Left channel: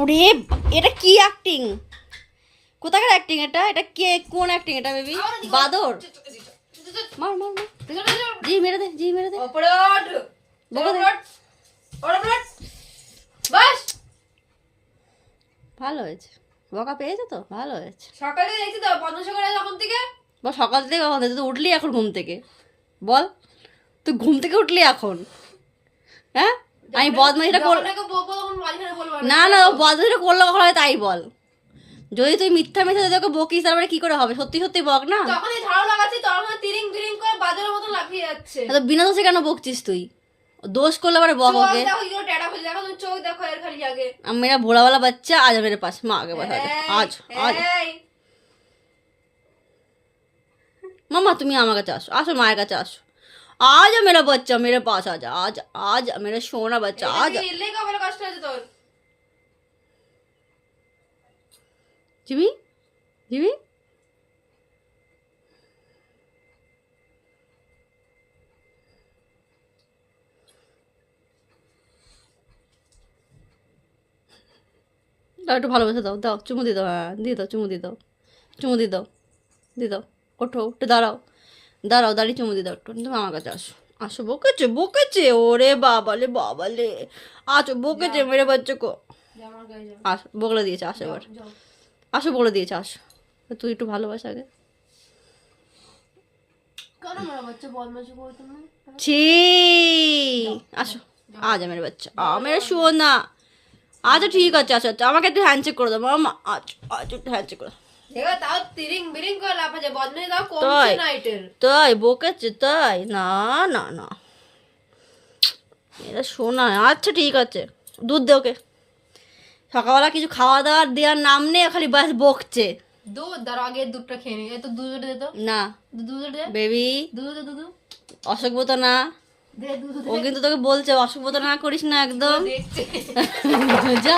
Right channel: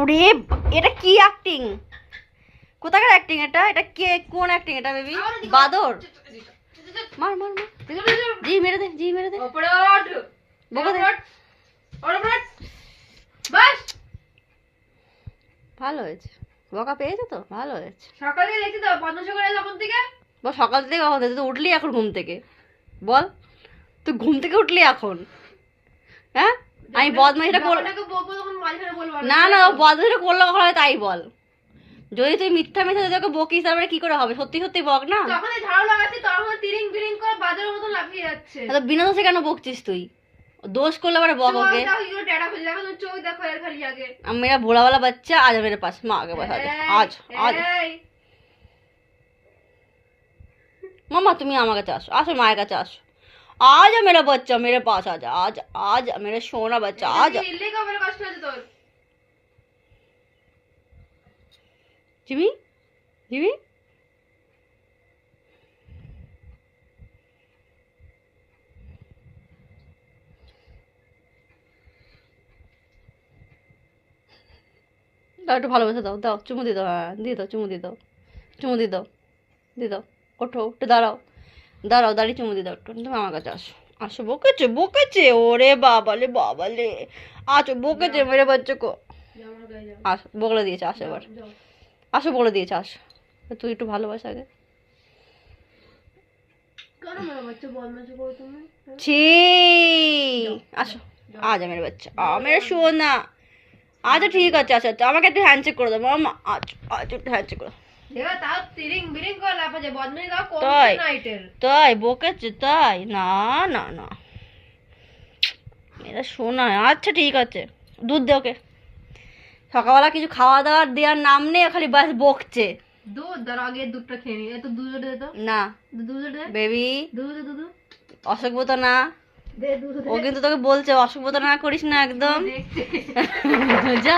ওরে এটা কি অ্যাক্টিং, কোথাকার অ্যাক্টিং এটা? এটা কে, কোন অ্যাক্টিং এটা বেবি? বাদর? মার মার মার, জি মেরে দে, জি মেরে দে। ভালো হয়েছে, বকা পেয়েছে তো, ভালো হয়েছে। সকালে দেখছি তো পঞ্চাশ করে তখন থেকে। বল সকাল থেকে কখন তুই তো উঠলি এখন ঘুম থেকে? বল তুই ঘুম থেকে উঠলি এখন? হ্যাঁ আমি বদমাইশটা করলাম না, না বদমাইশটা করলো কখন হয় তাই বল। যদি তুই মিথ্যা মিথ্যা তোকে বকিস তারপরে কি করে হবে? সত্যি সত্যি বক না। যখন এই ঝাড়ু লাগাচ্ছি তখন তিরিং বিরিং করে বাজারের মতো লাফিয়ে যাচ্ছে। তো বিনা দোষে কেন বকছিস তুই? দোষ করলে পরে বক ওকে। চোখ দেখো এর খালি আগে। আমি মেরা ভোলাওয়ালা বাচ্চা আজ মেরে পাস মা আগে বাস আজ আজ মামা তুমি আমার কাছে আসো, আসো মায়ের কাছে আসো। आज मेरा बच्चा मेरे पास आ जा, आज आज मेरा सोना बच्चा आज। কষ্ট হয়েছে তোর। জিমি জিমি দাও একটু ভালোবেসে দাও, দাও চুমু দিয়ে দাও, হ্যাঁ দিয়ে দাও, চুমু দিয়ে দাও, চুমু দিয়ে দাও, দিয়ে দাও। ওঠো একটু দাঁড়াও, দাঁড়াও দাঁড়িয়ে চুমু দিয়ে দাও একটু। তুমি আমার কাছে আসো, আসো বকেছে বকেছে, ওরে বাবালে বাবালে, আসো বকেছে মেরে বাচ্চা কো। আসো বগলে দিয়েছে, আসো এবার আসো বলে দিয়েছে, আসো তুই একটু ভালোবাসা আগে। ছি আসো আজ মেরে বাচ্চা মেরে সোনা। আচ্ছা ঠিক আছে, আচ্ছা আচ্ছা আমাকে একটু হ্যান্ডশেক করে দাও মামা, আচ্ছা আচ্ছা একটু হ্যান্ডশেক করে তাই তাই বকেছে তাই? না না না এটা শোনা। আচ্ছা ঠিক আছে দুধ দে ওকে। সকালবেলা কিছু খাওয়া দাওয়ার দেওয়ার নাম নেই, খালি বাস বকছে। দুধ দাঁড় আগে দুধটা খেয়ে নি। তো দুধ দে তো না দুধ দে বেবি, দুধ দুধ অসুখবতা না। দে দুধ ও কিন্তু তোকে বলছে অসুখবতা না করিস না একদম। দেখছে যা